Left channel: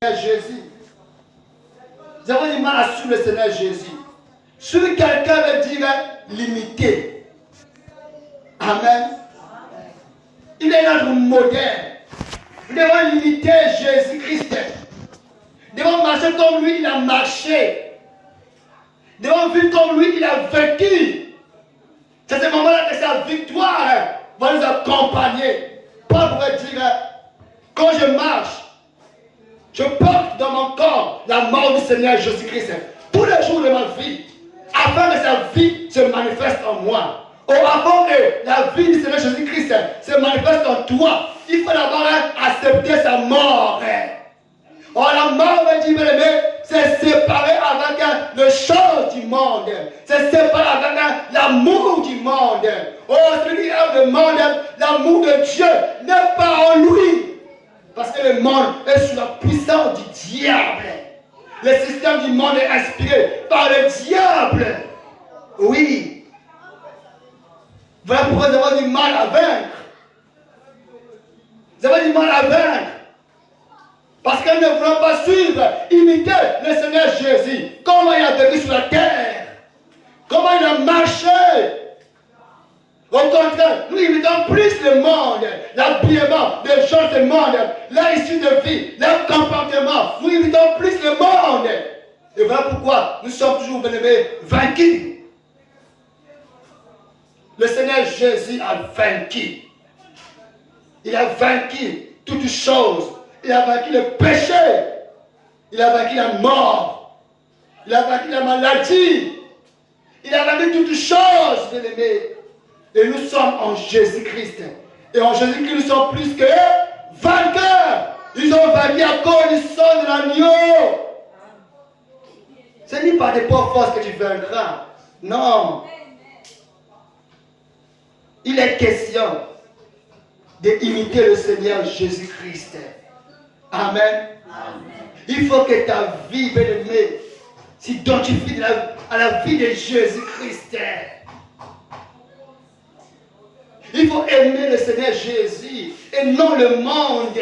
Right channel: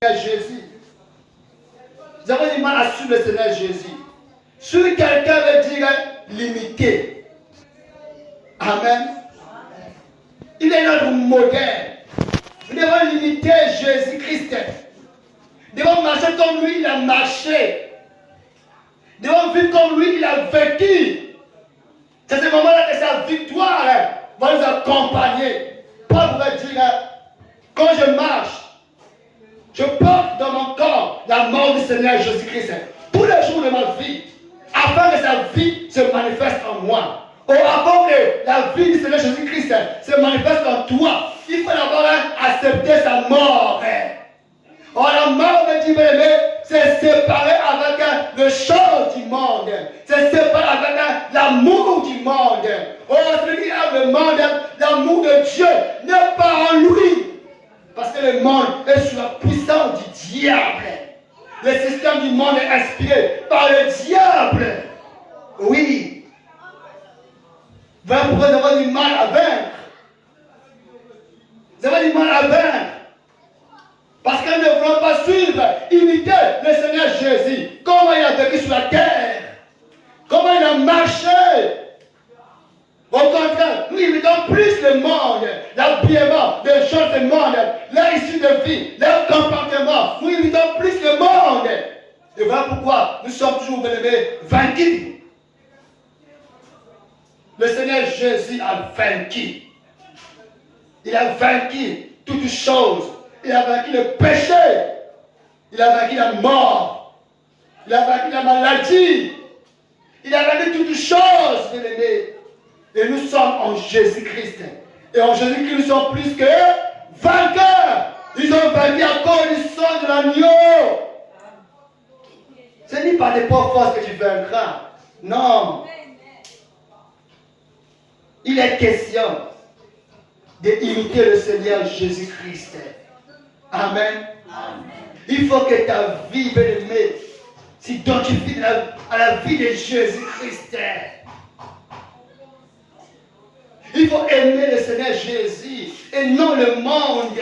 Jésus. Nous avons du mal à suivre le Seigneur Jésus. Suivre quelqu'un veut dire limiter. Amen. Il est notre modèle. Nous devons limiter Jésus-Christ. Nous devons marcher comme lui, il a marché. Nous devons vivre comme lui, il a vécu. C'est ce moment-là que sa victoire va nous accompagner. Paul va dire, quand je marche, je porte dans mon corps la mort du Seigneur Jésus-Christ tous les jours de ma vie, afin que sa vie se manifeste en moi. Ou avant que la vie du Seigneur Jésus-Christ se manifeste en toi, il faut d'abord accepter sa mort. Or, la mort, dit bien-aimé, c'est séparé avec le chant du monde. C'est séparé avec l'amour du monde. Or, celui qui aime le monde, l'amour de Dieu n'est pas en lui. Parce que le monde est sous la puissance du diable. Le système du monde est inspiré par le diable. Oui. Voilà pourquoi nous avons du mal à vaincre. Nous avons du mal à vaincre. Parce que nous ne voulons pas suivre, imiter le Seigneur Jésus. Comment il a vécu sur la terre. Comment il a marché. Au contraire, nous imitons plus le monde, l'habillement des gens du monde, leur issue de vie, leur comportement. Nous imitons plus le monde. Et voilà pourquoi nous sommes toujours vaincus. Le Seigneur Jésus a vaincu. Il a vaincu toutes choses. Il a vaincu le péché. Il a vaincu la mort. Il a vaincu la maladie. Il a vaincu toutes choses, bien-aimés. Et nous sommes en Jésus-Christ. Et en Jésus-Christ, nous sommes plus que vainqueurs. Ils ont vaincu à cause du sang de l'agneau. Ce n'est pas des pauvres forces que tu vaincras. Non. Il est question d'imiter le Seigneur Jésus-Christ. Amen. Amen. Il faut que ta vie, bien-aimée, s'identifie à la vie de Jésus-Christ. Il faut aimer le Seigneur Jésus et non le monde.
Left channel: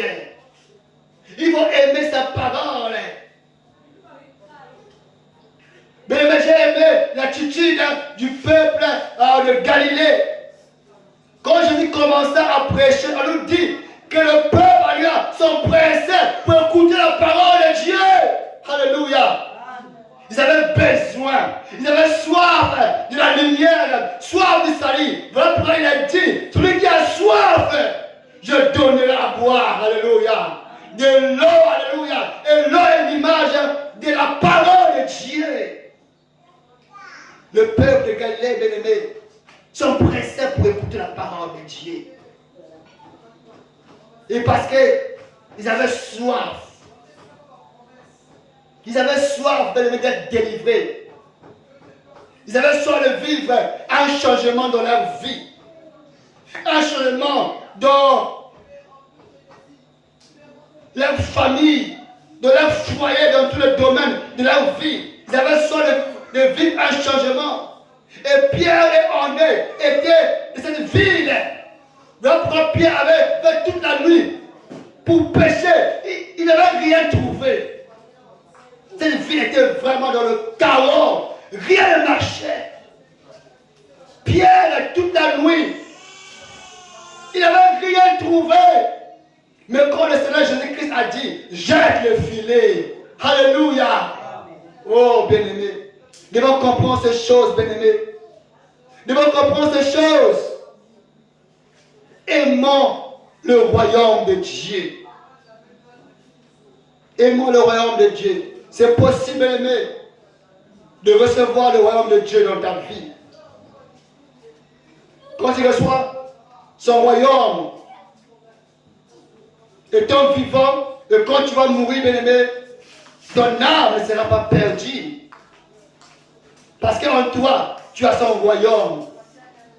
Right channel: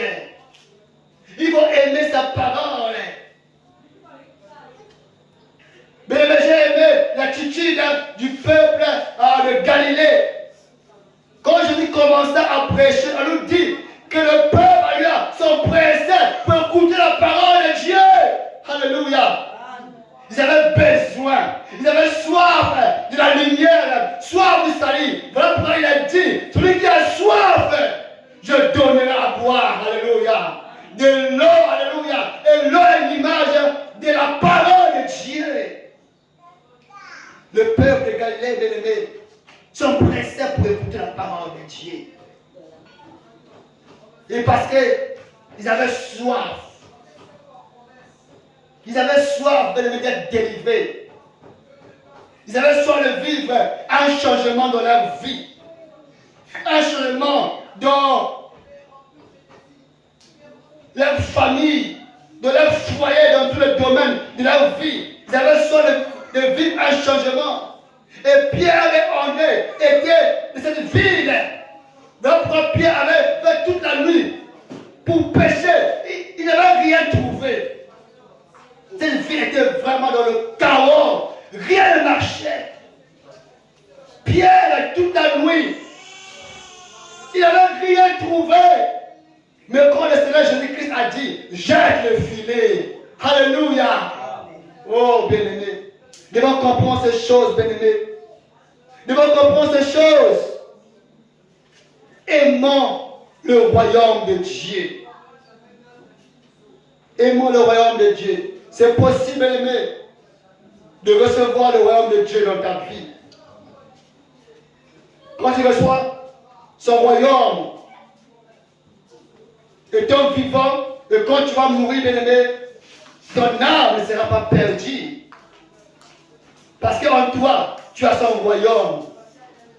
Il faut aimer sa parole. Mais j'ai aimé l'attitude du peuple de Galilée. Quand Jésus commença à prêcher, on nous dit que le peuple sont pressés pour écouter la parole de Dieu. Alléluia. Ils avaient besoin, ils avaient soif de la lumière, soif du salut. Voilà pourquoi il a dit, celui qui a soif, je donnerai à boire, alléluia. De l'eau, alléluia. Et l'eau est l'image de la parole de Dieu. Le peuple de Galilée, bien-aimé, sont pressés pour écouter la parole de Dieu. Et parce qu'ils avaient soif. Ils avaient soif d'être délivrés. Ils avaient soif de vivre un changement dans leur vie. Un changement dans leur famille, dans leur foyer, dans tous les domaines de leur vie. Ils avaient soif de vivre un changement. Et Pierre et André étaient de cette ville. Leur propre Pierre avait fait toute la nuit pour pécher. Il n'avait rien trouvé. Cette ville était vraiment dans le chaos. Rien ne marchait. Pierre, toute la nuit, il n'avait rien trouvé. Mais quand le Seigneur Jésus-Christ a dit, jette le filet. Alléluia. Oh, bien-aimé. Nous devons comprendre ces choses, bien-aimé. Nous devons comprendre ces choses. Aimons le royaume de Dieu. Aimons le royaume de Dieu. C'est possible, aimé, de recevoir le royaume de Dieu dans ta vie. Quand tu reçois son royaume, étant vivant, et quand tu vas mourir, bien-aimé, ton âme ne sera pas perdue. Parce qu'en toi, tu as son royaume.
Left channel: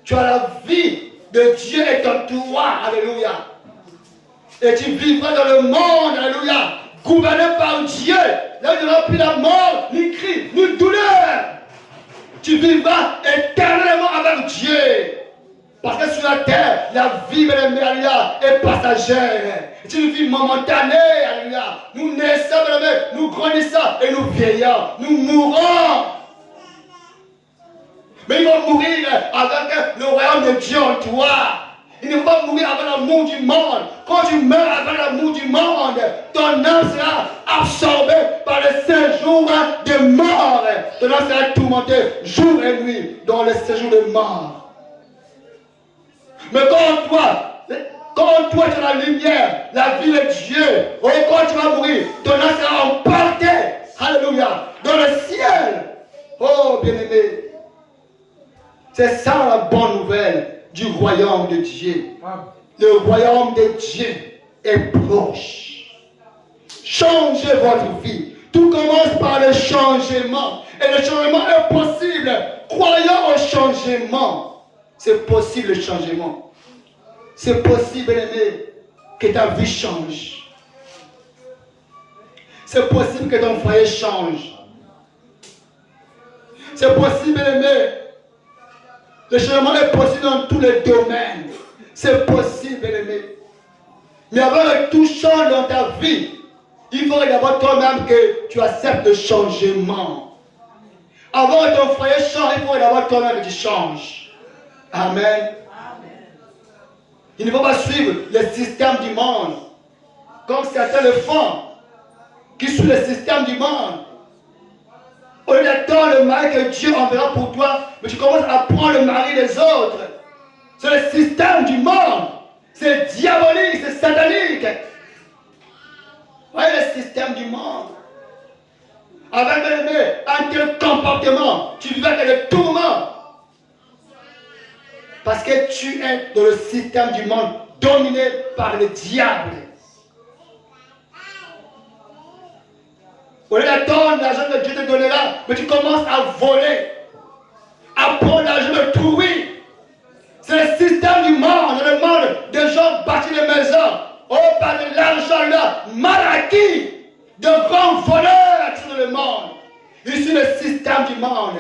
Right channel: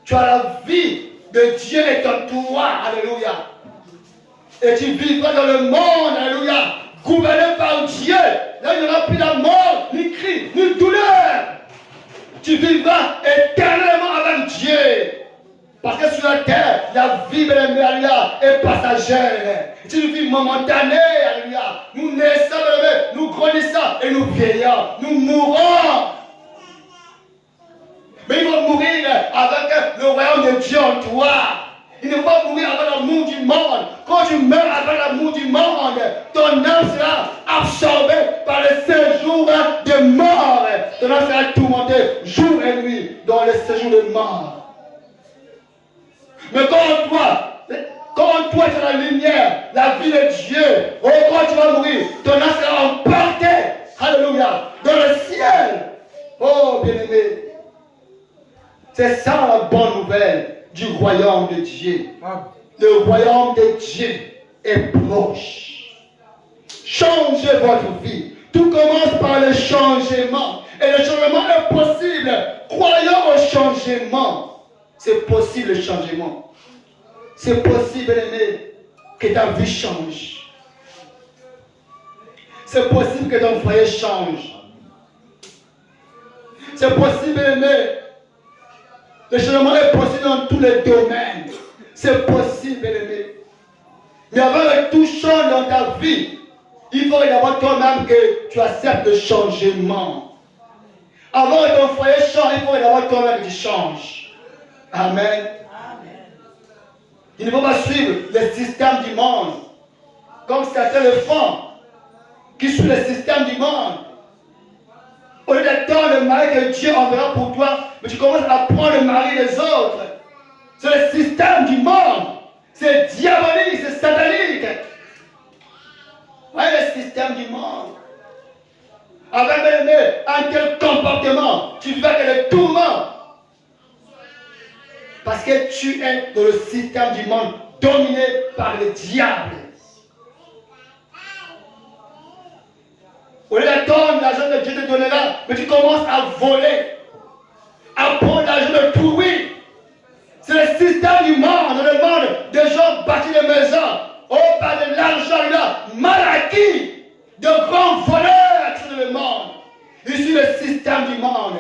Tu as la vie de Dieu est en toi. Alléluia. Et tu vivras dans le monde. Alléluia. Gouverné par Dieu. Là, il n'y aura plus la mort, ni cri, ni douleur. Tu vivras éternellement avec Dieu. Parce que sur la terre, la vie, alléluia, est passagère. C'est une vie momentanée, alléluia. Nous naissons, nous grandissons et nous vieillons. Nous mourons. Mais ils vont mourir avec le royaume de Dieu en toi. Ils ne vont pas mourir avec l'amour du monde. Quand tu meurs avec l'amour du monde, ton âme sera absorbée par le séjour de mort. Ton âme sera tourmentée jour et nuit dans le séjour de mort. Mais quand toi tu as la lumière, la vie de Dieu, quand tu vas mourir, ton âme sera emportée, alléluia, dans le ciel. Oh bien-aimé, c'est ça la bonne nouvelle du royaume de Dieu. Le royaume de Dieu est proche. Changez votre vie. Tout commence par le changement. Et le changement est possible. Croyons au changement. C'est possible le changement. C'est possible, aimé, que ta vie change. C'est possible que ton foyer change. C'est possible, aimé. Le changement est possible dans tous les domaines. C'est possible, aimé. Mais avant que tout change dans ta vie, il faut d'abord toi-même que tu acceptes le changement. Avant que ton foyer change, il faut d'abord toi-même que tu changes. Amen. Il ne faut pas suivre le système du monde, comme certains le font, qui suivent le système du monde. Au lieu d'attendre le mari que Dieu enverra pour toi, mais tu commences à prendre le mari des autres. C'est le système du monde. C'est diabolique, c'est satanique. Voyez le système du monde. Avec un tel comportement, tu vas avec le tourment. Parce que tu es dans le système du monde dominé par le diable. Au lieu d'attendre l'argent que Dieu te donnera, mais tu commences à voler, à prendre l'argent de tout, oui. C'est le système du monde, le monde des gens bâtis des maisons, par de l'argent là, mal acquis, de grands voleurs sur le monde. Ici le système du monde.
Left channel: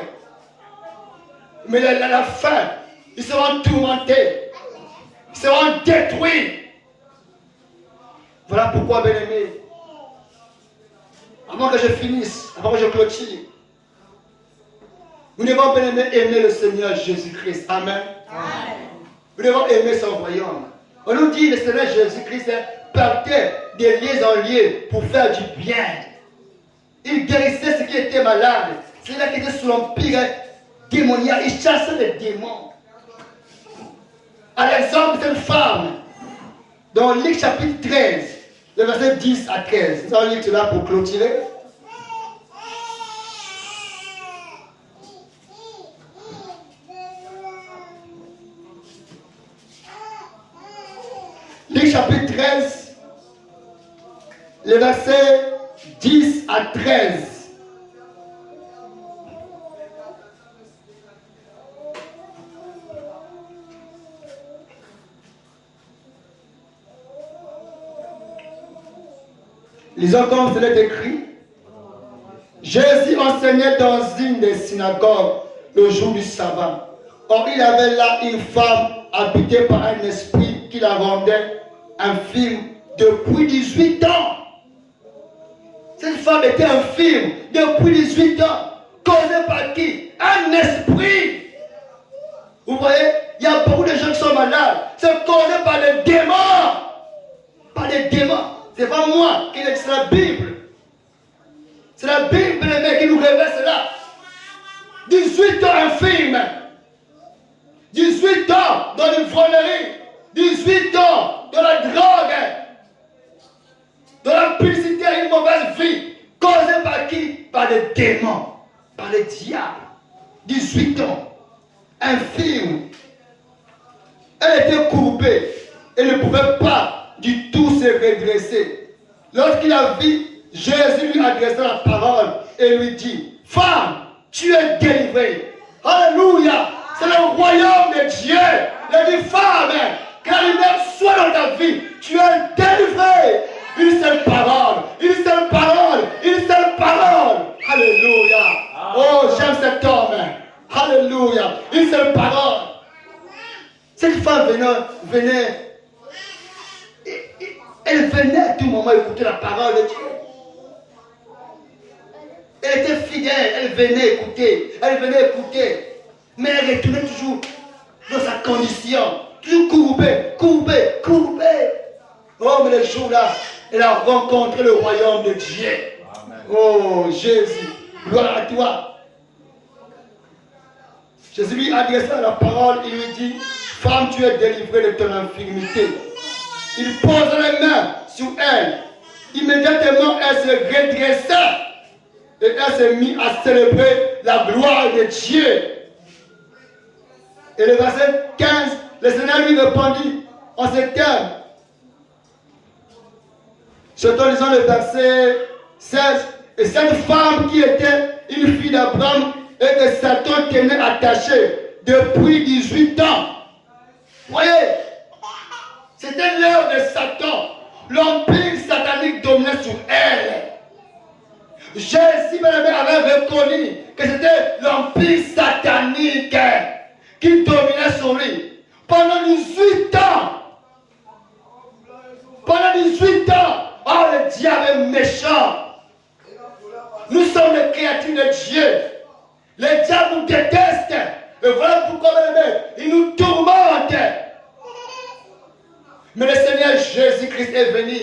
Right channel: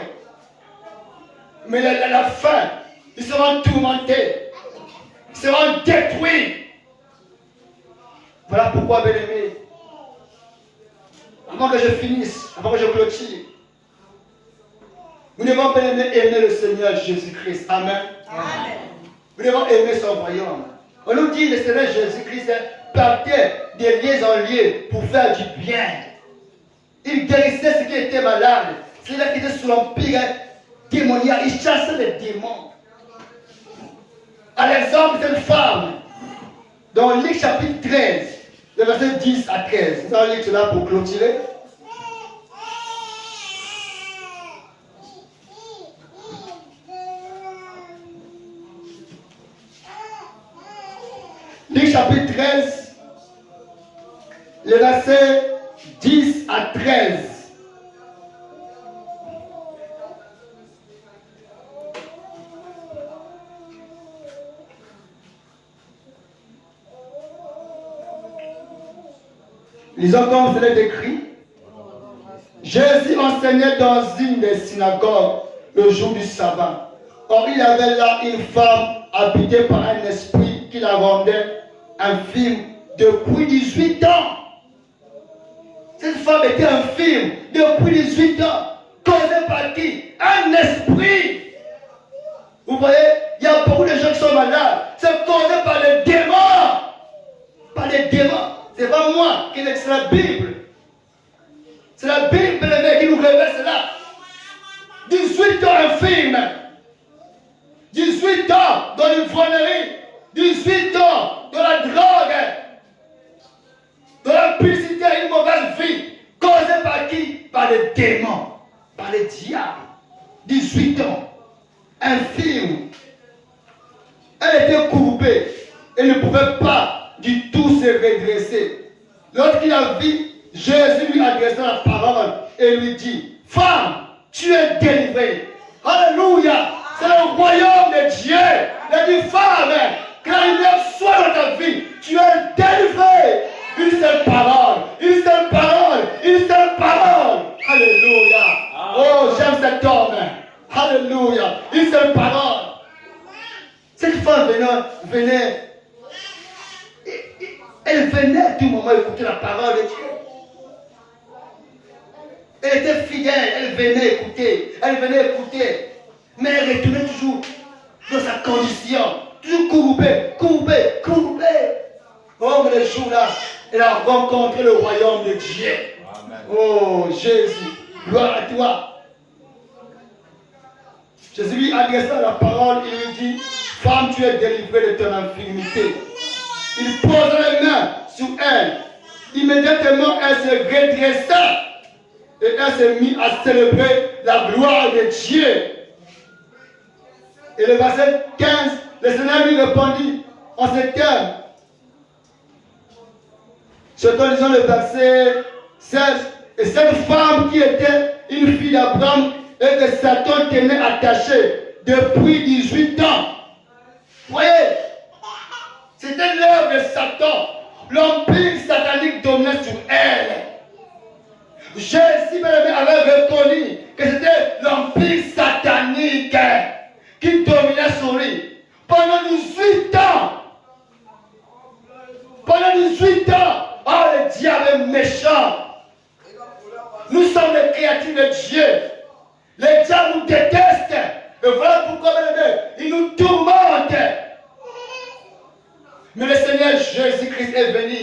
Mais à la fin, ils seront tourmentés, ils seront détruits. Voilà pourquoi, bien-aimés, avant que je finisse, avant que je clôture, nous devons bien aimer le Seigneur Jésus-Christ. Amen. Amen. Nous devons aimer son royaume. On nous dit, le Seigneur Jésus-Christ partait des lieux en lieux pour faire du bien. Il guérissait ceux qui étaient malades. Ceux-là qui étaient sous l'empire démoniaque. Il chassait les démons. À l'exemple d'une femme, dans Luc chapitre 13, le verset 10 à 13. Nous allons lire cela pour clôturer. Luc chapitre 13, le verset 10 à 13. Lisons comme cela est écrit. Jésus enseignait dans une des synagogues le jour du sabbat. Or, il avait là une femme habitée par un esprit qui la rendait infirme depuis 18 ans. Cette femme était infirme depuis 18 ans. Causée par qui? Un esprit. Vous voyez, il y a beaucoup de gens qui sont malades. C'est causé par les démons. Par les démons. Ce n'est pas moi qui l'ai dit, c'est la Bible. C'est la Bible qui nous révèle cela. 18 ans infirme. 18 ans dans l'ivrognerie. 18 ans dans la drogue. Dans la publicité, une mauvaise vie. Causée par qui? Par les démons. Par les diables. 18 ans. Infirme. Elle était courbée. Elle ne pouvait pas du tout se redresser. Lorsqu'il a vu, Jésus lui adressa la parole et lui dit, femme, tu es délivrée. Alléluia. C'est le royaume de Dieu. Il dit, femme, que la lumière soit dans ta vie. Tu es délivrée. Une seule parole. Une seule parole. Une seule parole. Alléluia. Oh, j'aime cet homme. Alléluia. Une seule parole. Ce Cette femme venait, elle venait à tout moment écouter la parole de Dieu. Elle était fidèle, elle venait écouter, mais elle retournait toujours dans sa condition, toujours courbée. Oh, mais le jour-là, elle a rencontré le royaume de Dieu. Amen. Oh, Jésus, gloire à toi. Jésus lui adressa la parole, il lui dit, femme, tu es délivrée de ton infirmité. Il pose les mains sur elle. Immédiatement, elle se redressa et elle s'est mise à célébrer la gloire de Dieu. Et le verset 15, le Seigneur lui répondit en ces termes. Surtout en lisant le verset 16, et cette femme qui était une fille d'Abraham et que Satan tenait attachée depuis 18 ans. Voyez, c'était l'œuvre de Satan. L'empire satanique dominait sur elle. Jésus avait reconnu que c'était l'empire satanique qui dominait sur lui. Pendant 18 ans. Oh, le diable est méchant. Nous sommes les créatures de Dieu. Le diable nous déteste. Et voilà pourquoi il nous tourmente. Mais le Seigneur Jésus-Christ est venu.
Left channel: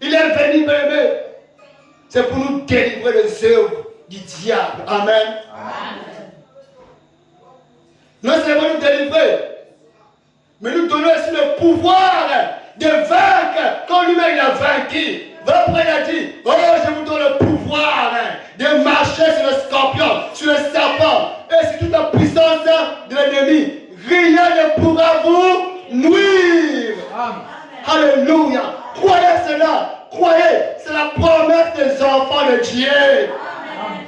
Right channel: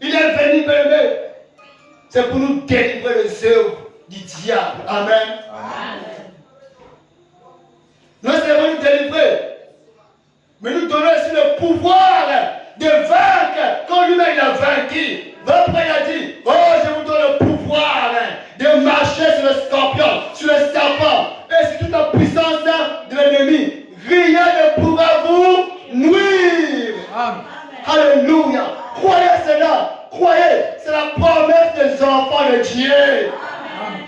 Il est venu, bébé. C'est pour nous délivrer les œuvres du diable. Amen. Non seulement nous délivrer, mais nous donner aussi le pouvoir de vaincre quand lui-même il a vaincu. Après il a dit, oh je vous donne le pouvoir de marcher sur le scorpion, sur le serpent et sur toute la puissance de l'ennemi. Rien ne pourra vous nuire. Amen. Alléluia. Croyez cela. Croyez. C'est la promesse des enfants de Dieu. Amen.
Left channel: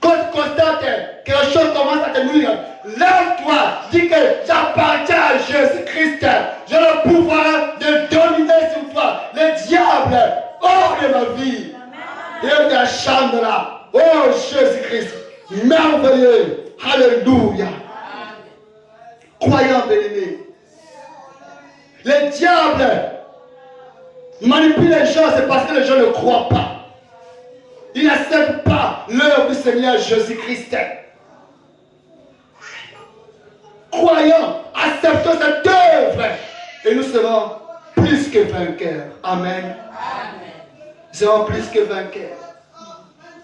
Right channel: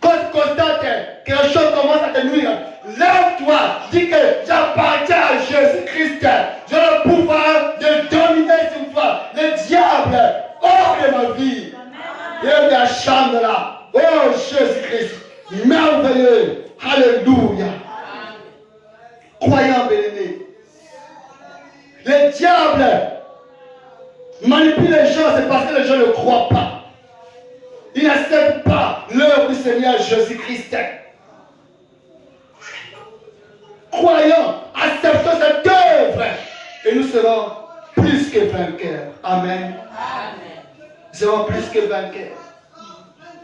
Quand tu constates que quelque chose commence à te nuire, lève-toi. Dis que j'appartiens à Jésus-Christ. J'ai le pouvoir de dominer sur toi. Le diable hors de ma vie. Et il y a chambre là. Oh Jésus-Christ. Merveilleux. Alléluia. Croyant bien-aimé. Le diable manipule les gens, c'est parce que les gens ne croient pas. Ils n'acceptent pas l'œuvre du Seigneur Jésus-Christ. Croyant, acceptons cette œuvre et nous serons plus que vainqueurs. Amen. Nous serons plus que vainqueurs.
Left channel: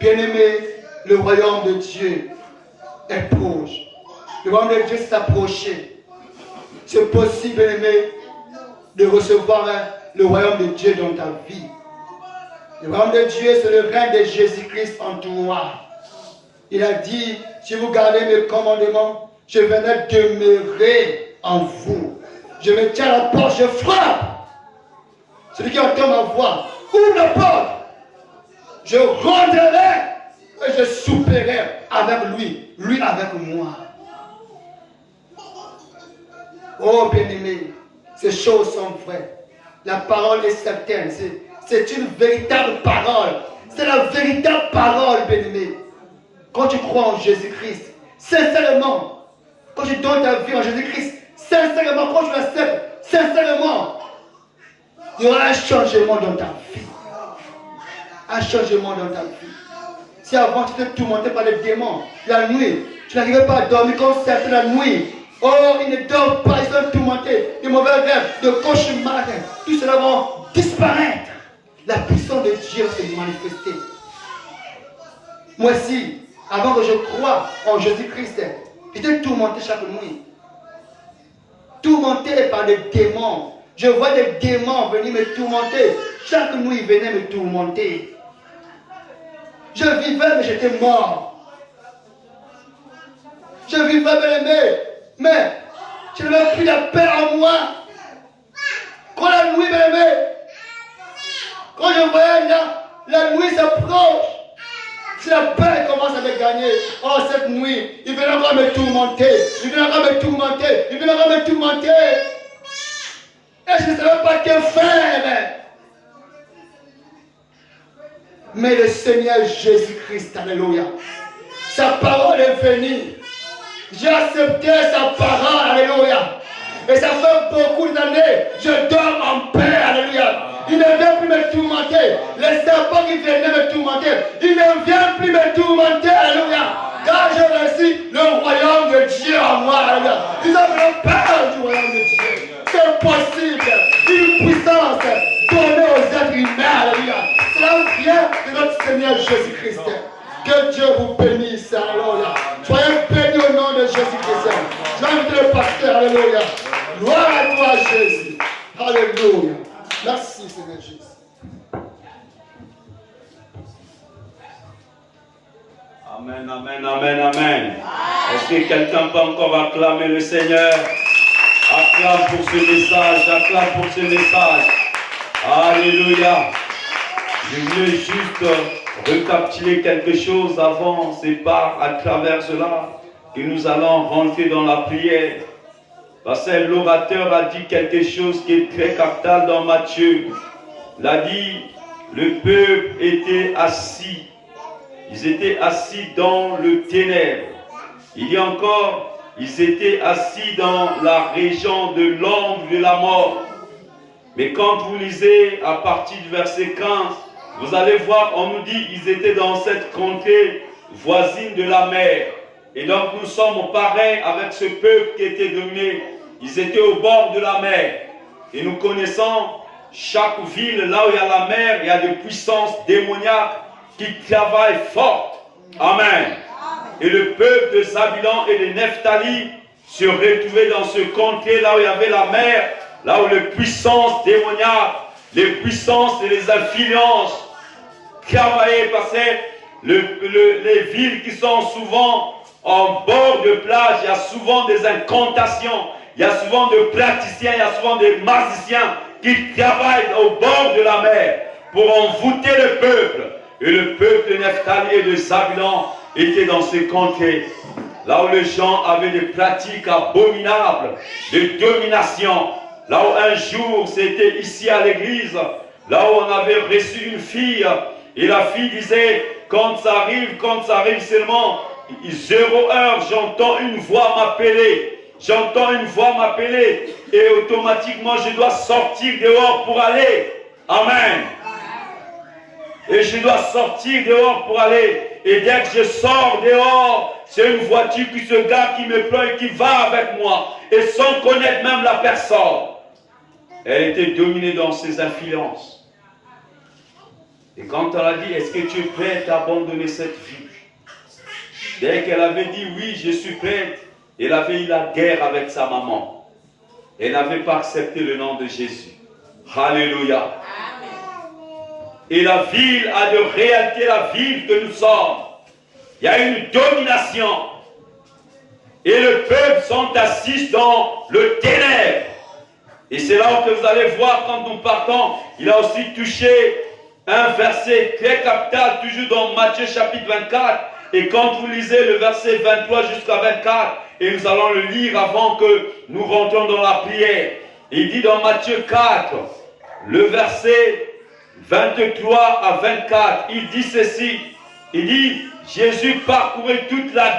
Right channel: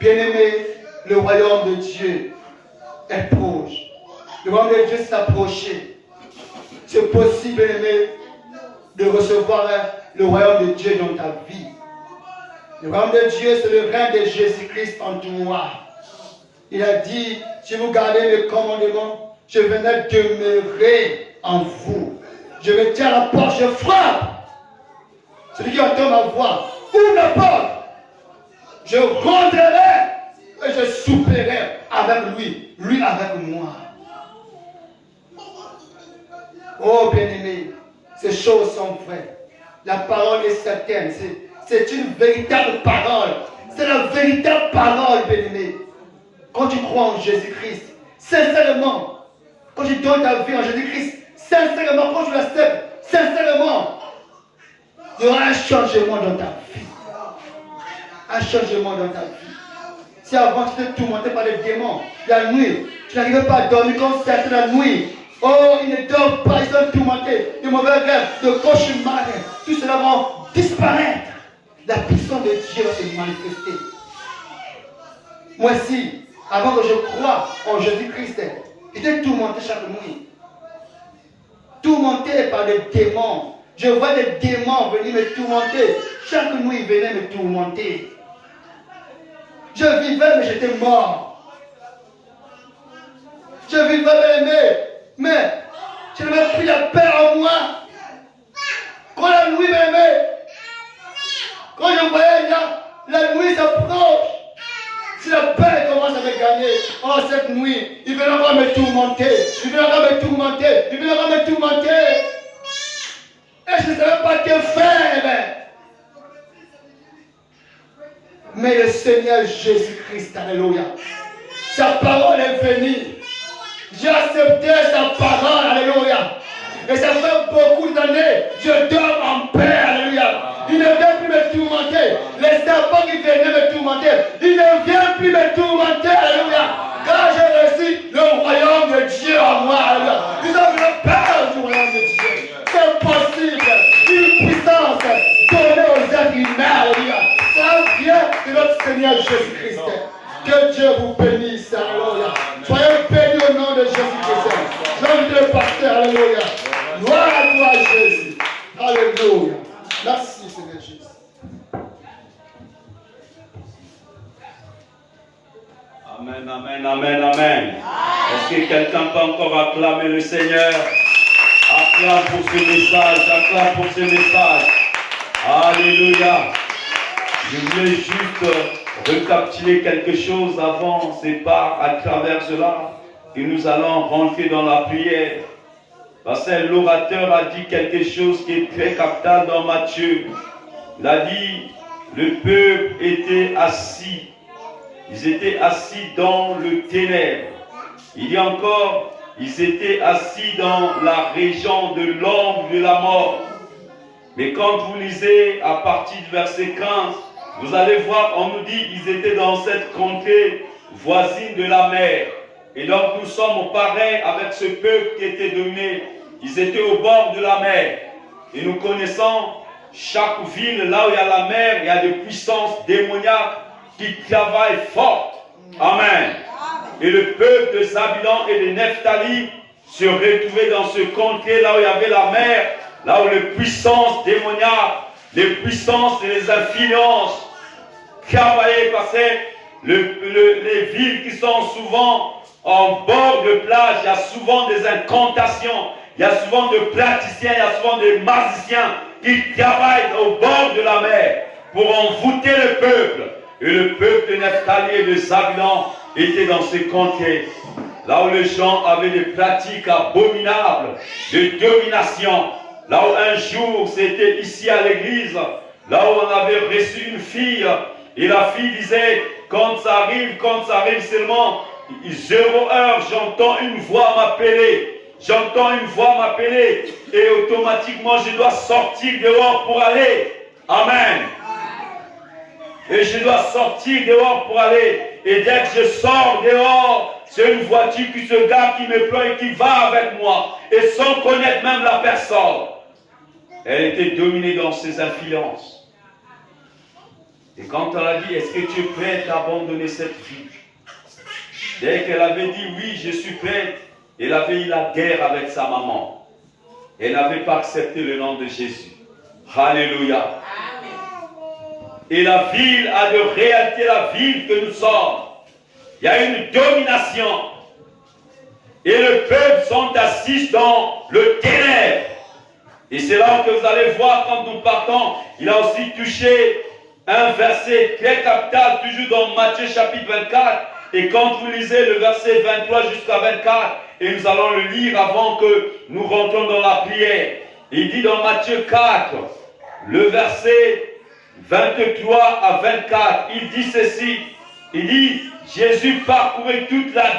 Bien-aimé, le royaume de Dieu est proche. Le royaume de Dieu s'est approché. C'est possible, bien-aimé, de recevoir le royaume de Dieu dans ta vie. Le royaume de Dieu, c'est le règne de Jésus-Christ en toi. Il a dit, si vous gardez mes commandements, je viendrai demeurer en vous. Je me tiens à la porte, je frappe. Celui qui entend ma voix, ouvre la porte. Je rentrerai et je souperai avec lui, lui avec moi. Oh bien-aimé, ces choses sont vraies. La parole est certaine. C'est une véritable parole. C'est la véritable parole, bien-aimé. Quand tu crois en Jésus-Christ, sincèrement, quand tu donnes ta vie en Jésus-Christ, sincèrement, quand tu l'acceptes, sincèrement, il y aura un changement dans ta vie. Un changement dans ta vie. Si avant tu étais tourmenté par les démons, la nuit, tu n'arrivais pas à dormir comme c'était la nuit. Oh, ils ne dorment pas, ils sont tourmentés. De mauvais rêves, de cauchemars, tout cela va disparaître. La puissance de Dieu va se manifester. Moi aussi, avant que je croie en Jésus-Christ, j'étais tourmenté chaque nuit. Tourmenté par des démons. Je vois des démons venir me tourmenter. Chaque nuit, ils venaient me tourmenter. Je vivais, mais j'étais mort. Je vivais, mais je n'avais plus la paix en moi. Quand la nuit, quand je voyais la nuit s'approche, si la paix commence à me gagner, oh cette nuit, il vient encore me tourmenter, il vient encore me tourmenter, il vient encore me tourmenter. Et je ne savais pas que faire. Mais le Seigneur Jésus-Christ, alléluia, sa parole est venue. J'ai accepté sa parole, alléluia. Et ça fait beaucoup d'années, je dors en paix, alléluia. Il ne vient plus me tourmenter. Les serpents qui venaient me tourmenter, il ne vient plus me tourmenter, alléluia. Car j'ai reçu le royaume de Dieu en moi, alléluia. Nous avons peur du royaume de Dieu. C'est possible. Une puissance donnée aux êtres humains, alléluia. Cela vient de notre Seigneur Jésus-Christ. Que Dieu vous bénisse, alléluia. Soyez bénis au nom de Jésus-Christ. J'invite le pasteur, alléluia. Gloire à toi, Jésus. Alléluia. Merci, Seigneur Jésus. Amen, amen, amen, amen. Est-ce que quelqu'un peut encore acclamer le Seigneur? Acclame pour ce message, acclame pour ce message. Alléluia. Je voulais juste recapituler quelque chose avant, c'est pas à travers cela que nous allons rentrer dans la prière. Parce que l'orateur a dit quelque chose qui est très capital dans Matthieu. Il a dit, le peuple était assis. Ils étaient assis dans le ténèbre. Il y a encore, ils étaient assis dans la région de l'ombre de la mort. Mais quand vous lisez à partir du verset 15, vous allez voir, on nous dit, ils étaient dans cette contrée voisine de la mer. Et donc nous sommes pareils avec ce peuple qui était dominé. Ils étaient au bord de la mer. Et nous connaissons chaque ville, là où il y a la mer, il y a des puissances démoniaques qui travaillent fort. Amen. Et le peuple de Zabulon et de Nephtali se retrouvaient dans ce contrée là où il y avait la mer, là où les puissances démoniaques, les puissances et les influences travaillaient, parce que les villes qui sont souvent en bord de plage, il y a souvent des incantations, il y a souvent des praticiens, il y a souvent des magiciens qui travaillent au bord de la mer pour envoûter le peuple. Et le peuple de Nephtali et de Zabulon était dans ces contrées, là où les gens avaient des pratiques abominables de domination. Là où un jour, c'était ici à l'église, là où on avait reçu une fille, et la fille disait, quand ça arrive seulement 0 heure, j'entends une voix m'appeler, et automatiquement je dois sortir dehors pour aller. Amen. Et je dois sortir dehors pour aller. Et dès que je sors dehors, c'est une voiture qui se gare, qui me prend et qui va avec moi. Et sans connaître même la personne. Elle était dominée dans ses influences. Et quand elle a dit, est-ce que tu es prête à abandonner cette vie? Dès qu'elle avait dit, oui, je suis prête, elle avait eu la guerre avec sa maman. Elle n'avait pas accepté le nom de Jésus. Alléluia. Et la ville a de réalité, la ville que nous sommes. Il y a une domination. Et le peuple sont assis dans le ténèbre. Et c'est là que vous allez voir quand nous partons. Il a aussi touché un verset très capital, toujours dans Matthieu chapitre 24. Et quand vous lisez le verset 23 jusqu'à 24, et nous allons le lire avant que nous rentrons dans la prière. Il dit dans Matthieu 4, le verset 23 à 24, il dit ceci. Il dit, Jésus parcourait toute la